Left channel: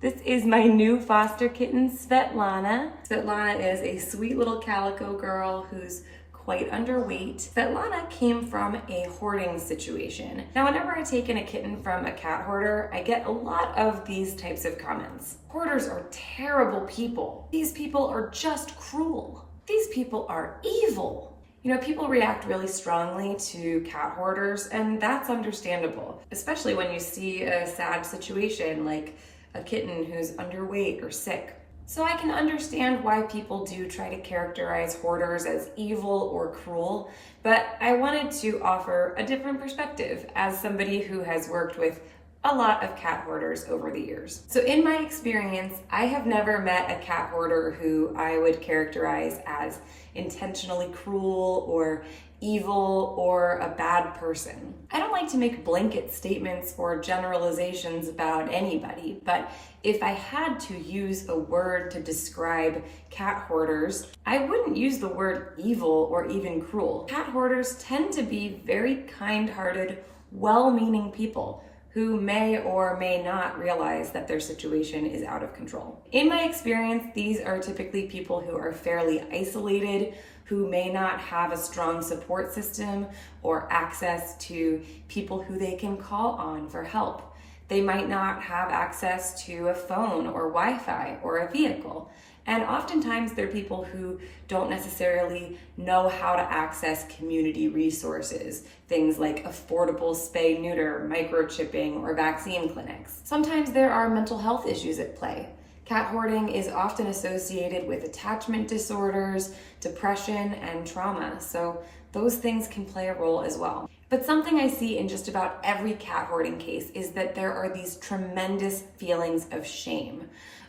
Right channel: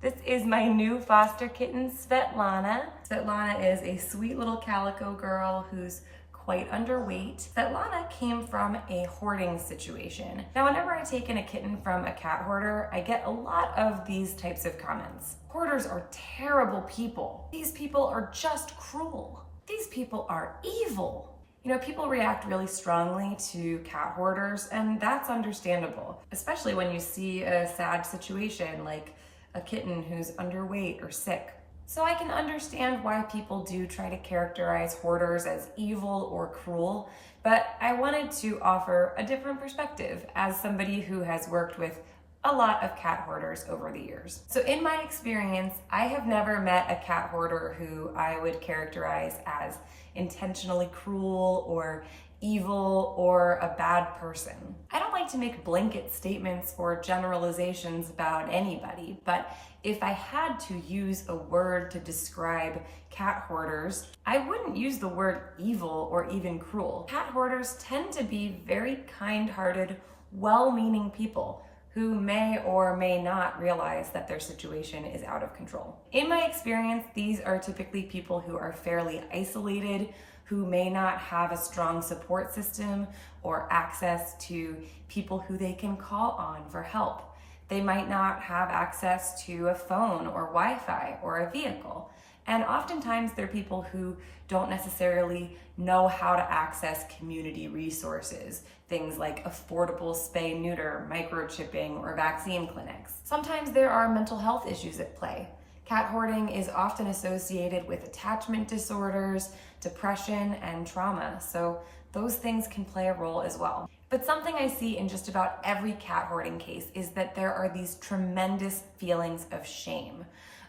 This is my new foster kitten, Svetlana. Svetlana is a sweet little calico girl who's quite underweight. Svetlana came from a hoarding situation. Now, whenever I take in a kitten from a cat hoarder, I get a lot of these types of comments. Hoarders are terrible people. These people are just cruel. These people are evil. You know, people react really strongly to cat hoarders, and that's understandable, especially when you see a sad situation like a kitten who's underweight or sick. So I can understand why people do try to characterize hoarders as evil or cruel, but I wanted to offer a different perspective as somebody who has worked with a lot of cat hoarders over the years. So in my experience, I have never met a cat hoarder who I would characterize as intentionally cruel or evil or a bad person. I don't like to make blanket statements or generalizations about anybody, but if I had to use a word to describe cat hoarders, I wouldn't use the word evil or even cruel. Cat hoarders tend to be very kind-hearted, well-meaning people who may or may not realize that their situation is out of control. In my experience, these are typically people who are fairly isolated, who may not have a strong support system or access to people who they can call on for help. They might not have access to a phone or Wi-Fi or a vehicle. And oftentimes they're people who don't necessarily know how to access community resources, things like affordable spay-neuter, microchipping, or vaccine clinics. Sometimes there are mental health issues at play. Cat hoarding is often associated with attachment disorders, depression, and trauma, so those things can play a role as well. But something I see in just about every cat hoarding case is that there are these tremendous feelings of shame,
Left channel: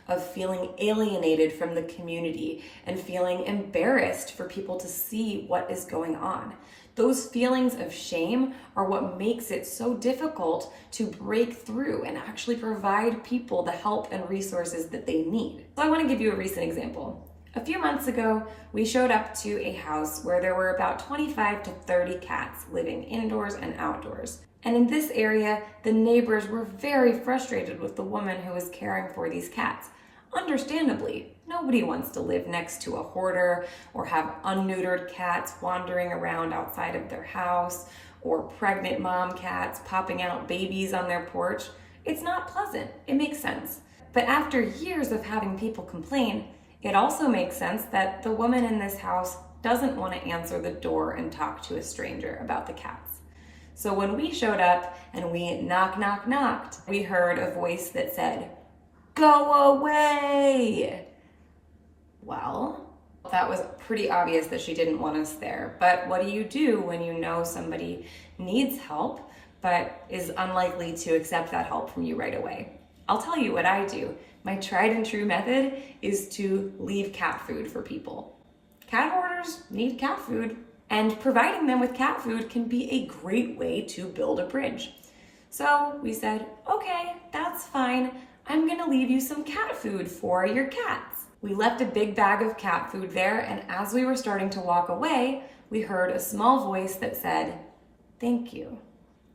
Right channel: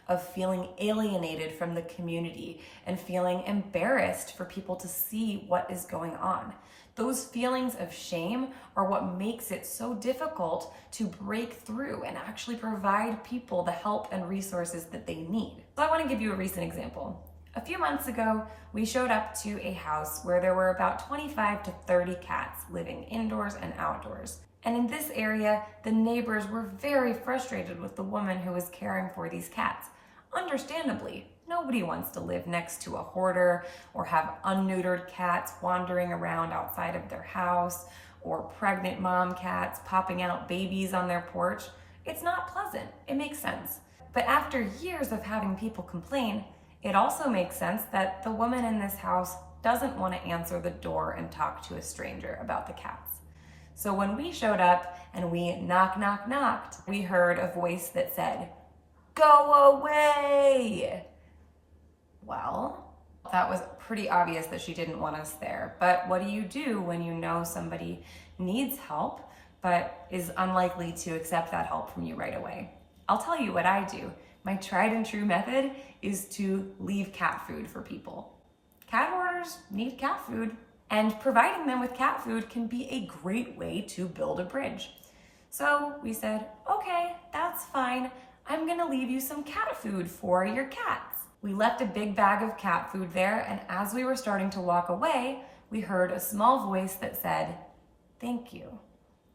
of feeling alienated from the community and feeling embarrassed for people to see what is going on. Those feelings of shame are what makes it so difficult to break through and actually provide people the help and resources that they need. So I want to give you a recent example. A few months ago, we showed up to a house where there were about 25 to 30 cats living indoors and outdoors. And in this area, the neighbors were very frustrated with the woman who was caring for these cats. Understandably, nobody wants to live next to a hoarder or have unneutered cats wandering around outside of their house or pregnant mom cats popping out babies on their porch. It's not pleasant. It makes sense. But after years of having people complain, it also makes sense that the woman in this house doesn't want to answer the door and talk to a stranger about the cats. So when we showed up and we knocked, we heard a voice that said, "Go away!" Well, that was pretty obvious that she didn't want us there. But what do you do when you know somebody needs help but is unlikely to accept that help from you right away? I'll tell you what I do. My tried and true method is to leave cat food for people. Cat hoarders need cat food, and providing them with cat food can be a great way to build a bridge. So we said, okay, that's fine. I'm gonna leave you some cat food for your cats. We left a big bag of cat food there, and as we were starting to walk away, we heard a small voice that said, "Thank you."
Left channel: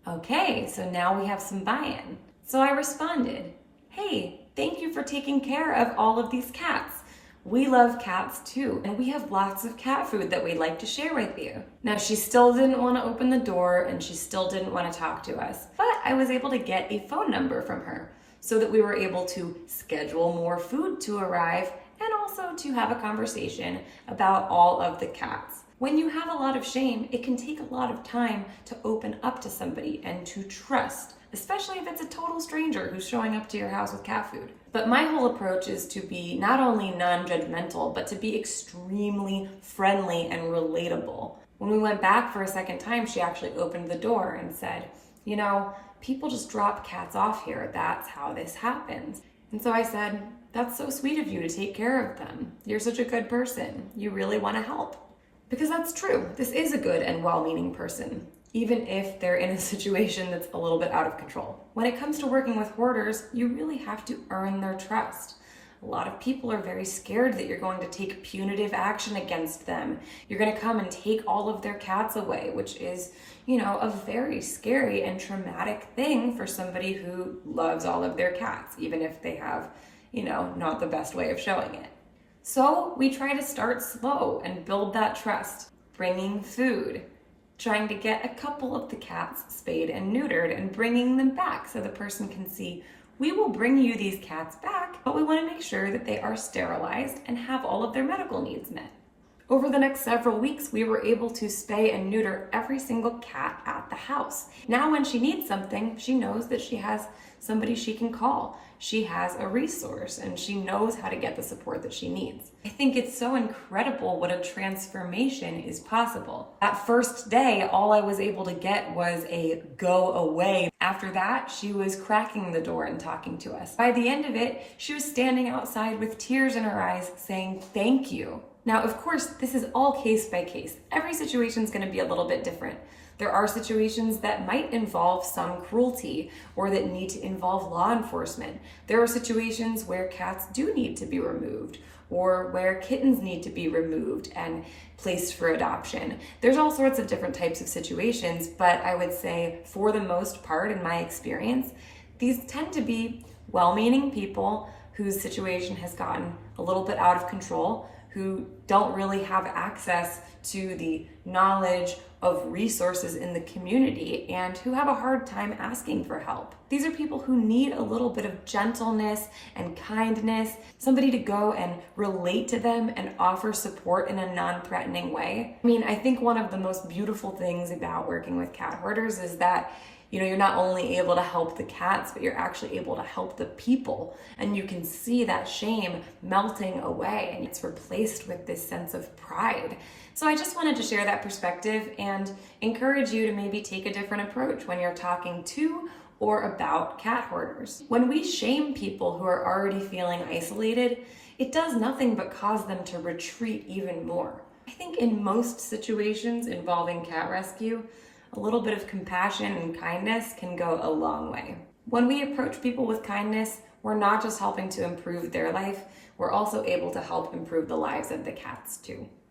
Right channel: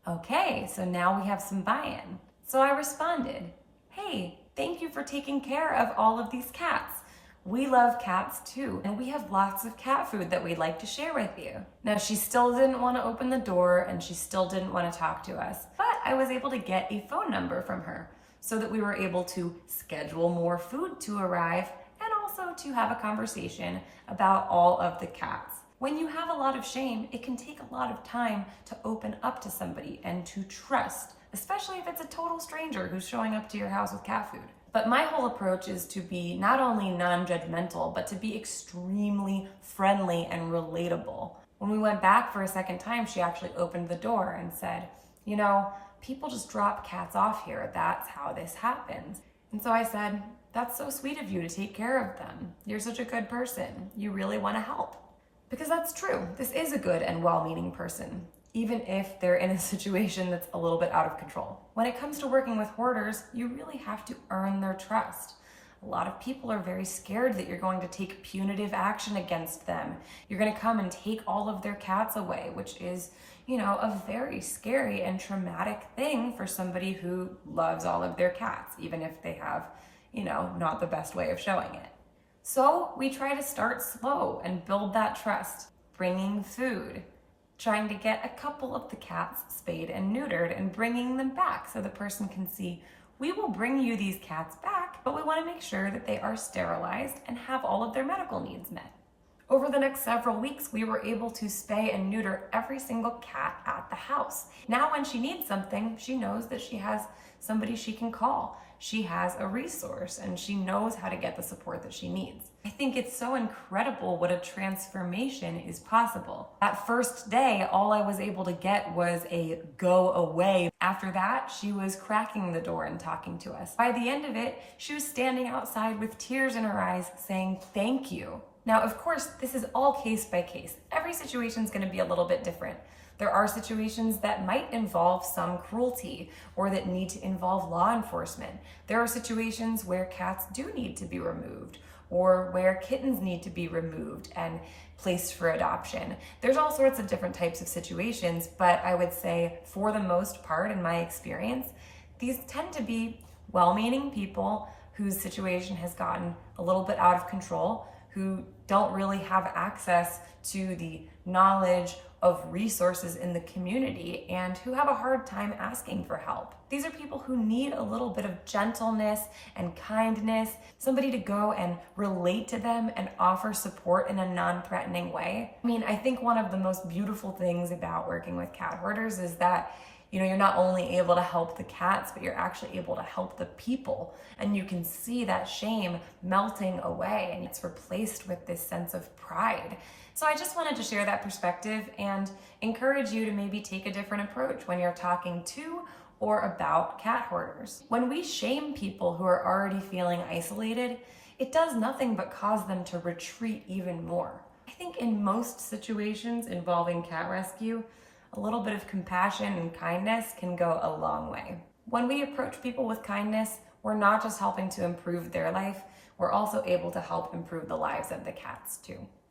Okay, so now we have some buy-in. So I responded, "Hey, thank you for taking care of all of these cats. We love cats too, and we have lots of cat food that we'd like to share with you." Now, she still didn't want to open the door and she still didn't want to talk to us, but I was able to get a phone number from her so that we were able to schedule more food to arrive and also to have a conversation about all of the cats. When you have a lot of shame, it can take a lot of time to open up to somebody and to trust, especially if it's a total stranger who's showing up to your house with cat food. But my whole approach is to be not only non-judgmental, but to be extremely friendly and relatable. When we went back for a second time, she actually opened the door and said, "You know, people just drop cats off here. That's how this happens." And so I said, "That's so sweet of you to take care of them. You're such a good person. You really want to help." Because that's true. This is a good and well-meaning person, even if they're in a situation that's a little bit out of control. When it comes to working with hoarders, you really have to earn their trust. A lot of people are very scared that you're going to take punitive action against them. You're going to come and take all of their cats away, which is, a very scary and traumatic thing for somebody who loves all of their cats, even if they have, not the best way of showing it. So we try to start slow and build that trust, bringing food, trying to get a couple of the cats spayed and neutered and bringing them back so the person can see, we will bring you these cats back, but we want to make sure that they are sterilized and have all of their medical needs met. Over the next several weeks, we were able to spay and neuter every single cat at the house. Now when she needs something, she knows that she has somebody she can call. She has a resource and she knows how to get the support that she needs. I think it's so incredible what a transformation is possible. That first day, all I was able to get was a go away. After that, she was cracking the door and talking to us. By the end of it, she was standing outside with tears in her eyes saying, "Thank you." Now, of course, this is all case by case. Every situation is going to be a little bit different. There are situations that might involve some cruelty or that need to involve law enforcement. There are situations where cats do need to be removed or where kittens need to be removed and placed for adoption. There's all sorts of different types of situations, but I would say for the most part, in my experience, these tend to be well-meaning people whose situation has gotten a little bit out of control, who don't really have access to the knowledge of resources in the community and who have a hard time asking for help. These are people who need a little bit of gentleness and kindness, somebody to go and relate to them and offer support in a non-threatening way. I mean, I think one of the most beautiful things about working with cat hoarders is that you're not only able to help the cats, but you're actually able to help the people. And you can see that shame melting away and it's replaced with this sense of pride. So I just wanted to share that perspective and encourage you to maybe take a different approach when you're talking to or about cat hoarders. When we shame people who are already feeling isolated, it does nothing but cause them to retreat even more. I think in most situations involving cat rescue, a little bit of compassion and kindness can go a long way. When we approach people with kindness, we're not just helping to improve their life, we're also able to help improve the lives of the cats too.